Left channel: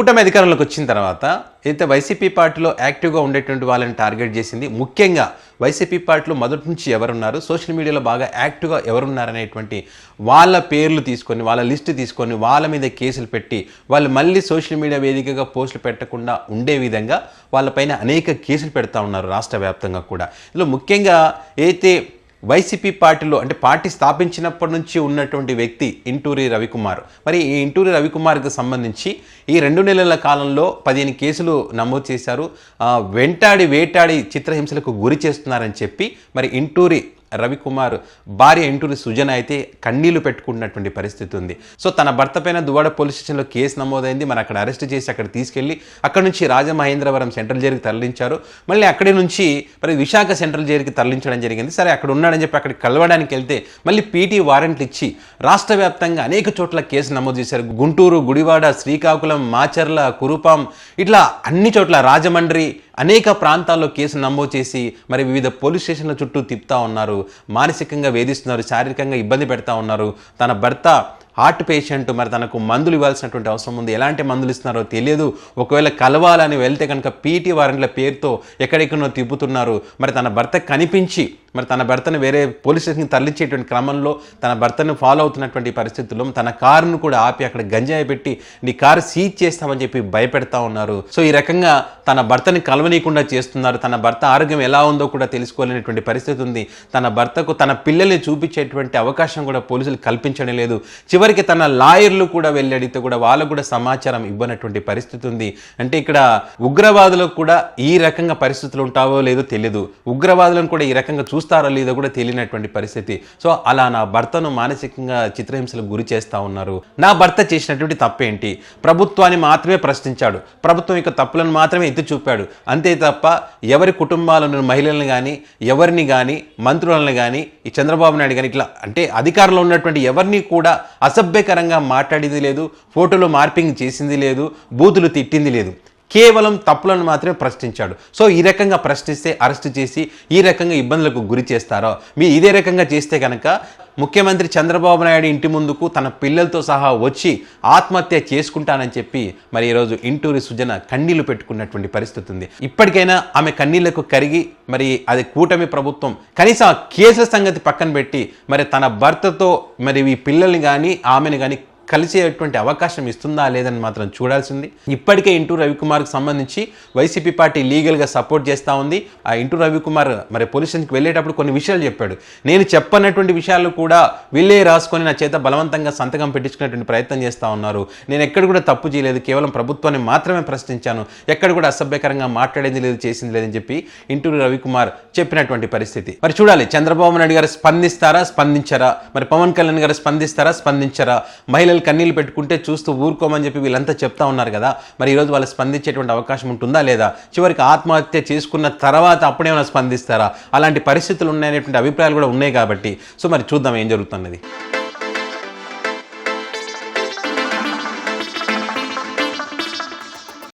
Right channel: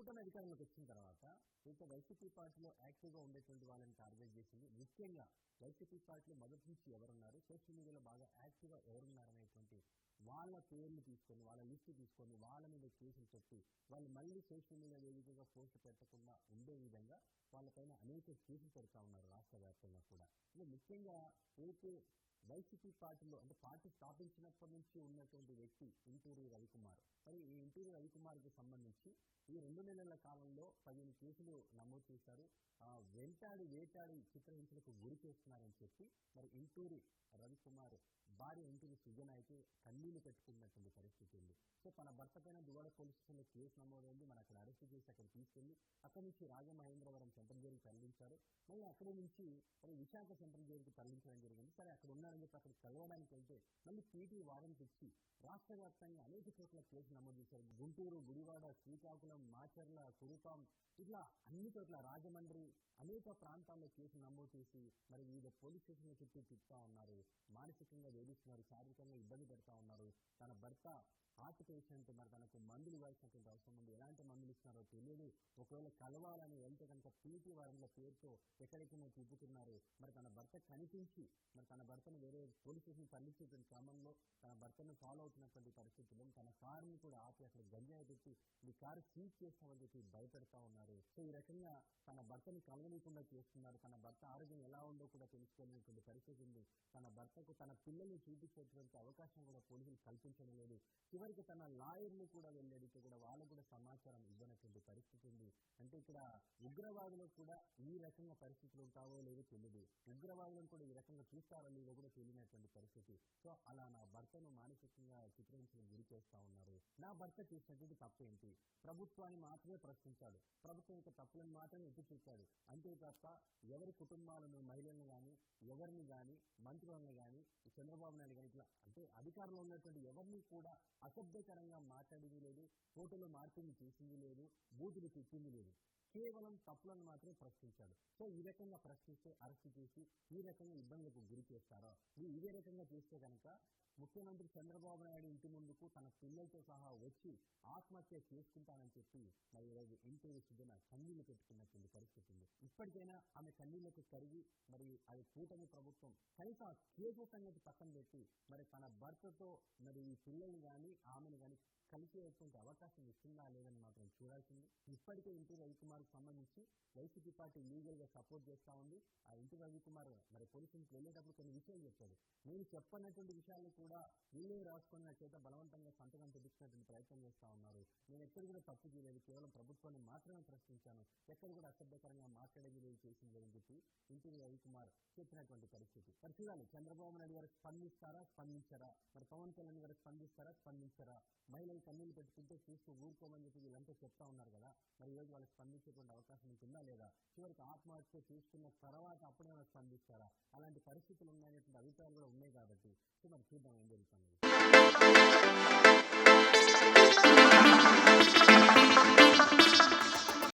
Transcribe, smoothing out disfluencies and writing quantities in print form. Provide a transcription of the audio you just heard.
కూటమి అధికారంలోకి వచ్చిన తర్వాత అయితే వైసీపీ పార్టీలో యాక్టివ్గా ఉండేటువంటి వాళ్ళని టార్గెట్ చేసింది. ముఖ్యంగా వైసీపీ పార్టీలో మొదటి నుంచి ఎవరున్నారు, సోషల్ మీడియాలో బాగా యాక్టివ్గా ఎవరున్నారనేటువంటి వాళ్ళ పేర్లు తీసుకొని, వాళ్ళ లిస్టు తీసుకొని వాళ్ళ మీద కేసులు పెట్టి వాళ్ళు మళ్ళీ సోషల్ మీడియా వేదికగా పోస్టులు పెట్టకుండా ఉండే విధంగా వాళ్ళపైన అనేక కేసులు పెడతా ఉన్నారు రాష్ట్ర వ్యాప్తంగా కూడా. ఇందులో ముఖ్యంగా అయితే వైసీపీ పార్టీలో అంటే పార్టీ స్థాపించినప్పటి నుంచి ఉన్నటువంటి వ్యక్తి ఇంటూరి రవికుమార్. మరి ఈ ఇంటూరి రవికుమార్కి సంబంధించి ఈ 2 నెలల కాలంలో 15 కేసులు నమోదు చేశారు. వేటాడి చిత్రహింసలకు గురి చేస్తున్నారని చెప్పి మరి ఇంటూరి రవికుమార్ భార్య ఇంటూరి సుజన అయితే కన్నీళ్లు పెట్టుకుంటున్నటువంటి పరిస్థితి ఉంది. సో తన భర్త పైన దువ్వాడ పోలీస్ స్టేషన్లో కేసు నమోదైంది. మరి అక్కడ అరెస్ట్ చేసి అక్కడ తీసుకెళ్లి అక్కడ నుంచి రాజమహేంద్రవరం సెంట్రల్ జైలుకి తరలించారు. మళ్ళీ అక్కడి నుంచి మరి విశాఖ సెంట్రల్ జైలుకి తరలించడం జరిగింది. సరే అక్కడ ఉన్నాడని చెప్పి అక్కడికి కలవడానికి వెళ్తే మళ్ళీ పీటీ వారెంట్లు ఇచ్చి రాష్ట్ర వ్యాప్తంగా అనేక చోట్ల కేసు నమోదు చేశారు. గుంటూరు, గుడివాడ, శ్రీకాకుళం, మాచర్ల, కురుపాం ఇట్లా అన్ని చోట్ల రాజమండ్రి అనేక ప్రాంతాల్లో కేసు నమోదు చేసి మరి వివిధ పోలీస్ స్టేషన్ల చుట్టూ తిప్పుతా ఉన్నారు. మానసికంగా వేధిస్తున్నారు, శారీరకంగా ఇబ్బంది పెడతా ఉన్నారు. తన భర్త హార్ట్ పేషెంట్, మరి తనకు మందులు ఇవ్వాల్సినటువంటి అవసరం ఉంది. ఎలాంటి మందులు ఇస్తున్నారో తెలియదు. ఒకవేళ కలవాలని వెళ్తే కనుక పీటీ వారెంట్ల పేరుతో ఎక్కడెక్కడో తిప్పుతున్నారు. మరి తన భర్త కనిపించి మరి తన భర్తను వేరే పోలీస్ స్టేషన్కి తరలించేటువంటి క్రమంలో తన భర్తను ఫాలో అవుతున్నటువంటి పరిస్థితుల్లో తన కారును కూడా ఆపి అక్కడ గంజాయి పెట్టి నీ కారు సీజ్ చేస్తామని చెప్పి భయపెడతా ఉన్నారు. సో ఈ రకంగా తన భర్తని కలవనీయకుండా చేస్తున్నారు. తన భర్త ఆరోగ్యం ఎలా ఉందో కూడా తెలుసుకోలేనటువంటి పరిస్థితి ఉంది. తన భర్తకు తన పిల్లల్ని చూపించేటువంటి అవకాశం కూడా పోలీసులు కల్పించడం లేదు. చివరికి తన లాయర్లు కూడా వెళ్ళి అడిగితే కూడా వాళ్ళకు కూడా సమాచారం ఇవ్వనటువంటి పరిస్థితి ఉంది. అంటే ఇక్కడ ఉగ్రవాదులకు కూడా ఈ రకంగా పరిస్థితులు ఉంటావో లేదో తెలియదు, ఉగ్రవాదులను కూడా ఈ రకంగా చూస్తారో లేదో కూడా తెలియనటువంటి పరిస్థితి. సో అలా నా భర్తను మానసికంగా చిత్రహింసలకు గురి చేస్తూ ఉన్నారు. నా భర్త చేసినటువంటి తప్పేంటి? ప్రభుత్వాన్ని మాత్రమే ప్రశ్నించాడు, ప్రభుత్వం యొక్క తప్పులను మాత్రమే ఎత్తి చూపాడు. అంతే తప్ప ఎవరి కుటుంబాలను, మహిళలను కానీ ఎవరిని కానీ మంత్రులను కానీ ఈ చంద్రబాబు నాయుడు కానీ ఇట్లా అంటే అధికారంలో ఉన్నటువంటి ఎవరిని కూడా అసభ్యకరంగా మాట్లాడింది లేదు, ఫోటోలో మార్పింగ్ చేసింది లేదు, బూతులు తిట్టింది లేదు. కేవలం తప్పులను మాత్రమే ప్రశ్నించాడు. సో ఈ రకంగా ప్రశ్నిస్తే అరెస్ట్ చేసి ఈ రకంగా ఇబ్బందులకు గురి చేస్తారో, మీరు ఇదే రకంగా చేస్తే కనుక ముఖ్యమంత్రి చంద్రబాబు నాయుడు ఇంటి ముందుకు తన పిల్లలతో సహా వచ్చి ఆత్మహత్య చేసుకుంటానని చెప్పి మరి ఈరోజు ఇంటూరి సుజన కన్నీళ్లు పెట్టుకున్నటువంటి పరిస్థితి ఉంది. ఇప్పటికైనా ఆమె కన్నీళ్లకు కరిగి మరి అది కూటమి ప్రభుత్వం కనీసం ఆ కేసుల సంగతి పక్కన పెట్టి మరి తన భర్తతో మరి ఈ పిల్లల్ని కానీ ఆమెను కానీ కలిసేటువంటి అవకాశం ఇస్తుందా లేదని మాత్రం చూడాల్సింది. ఇప్పటికే ఇంటూరి రవికుమార్కి సంబంధించి వైసీపీ పార్టీ లీగల్గా సపోర్ట్ చేస్తూ ఉంది. ఆ ఇంటూరి రవికుమార్ మరి పోలీస్ స్టేషన్కి వెళ్ళేటప్పుడు కొన్ని విషయాలు చెప్పాడు. నేను చెప్పనటువంటి విషయాలు కూడా వీళ్ళే రాసుకొని నా చేత బలవంతంగా సంతకం పెట్టించుకునేటువంటి ప్రయత్నం చేస్తూ ఉన్నారు. నేను ఎక్కడ కూడా తప్పు చేయలేదు, కేవలం ప్రభుత్వాన్ని మాత్రమే ప్రశ్నించాను, ఎక్కడ కూడా అసభ్యకరంగా మాట్లాడేది లేదు, చేసింది లేదని చెప్పి ఇంటూరి రవికుమార్ చెప్పినటువంటి పరిస్థితి. మరి చూడాలి చంద్రబాబు నాయుడు గారు స్పందిస్తారా, స్పందించరా? మరి పవన్ కళ్యాణ్ గారు స్పందిస్తారా, స్పందించరా? మహిళలు కన్నీళ్ళు పెట్టుకుంటే చూస్తూ ఊరుకోమని చెప్పి వీళ్ళంతా చెప్తా ఉన్నారు కదా, మరి ఈరోజు వాళ్ళు స్పందించేటువంటి అవకాశం ఉంటుందా లేదా? చివరికి ఆత్మహత్య చేసుకున్న తర్వాత అప్పుడేమైనా స్పందిస్తారా? అలాంటి పరిస్థితులు ఉన్నాయనేటువంటి అభిప్రాయాలు కూడా ఉన్నాయి కాబట్టి సో మరి చూద్దాం ఏం జరుగుతున్నది.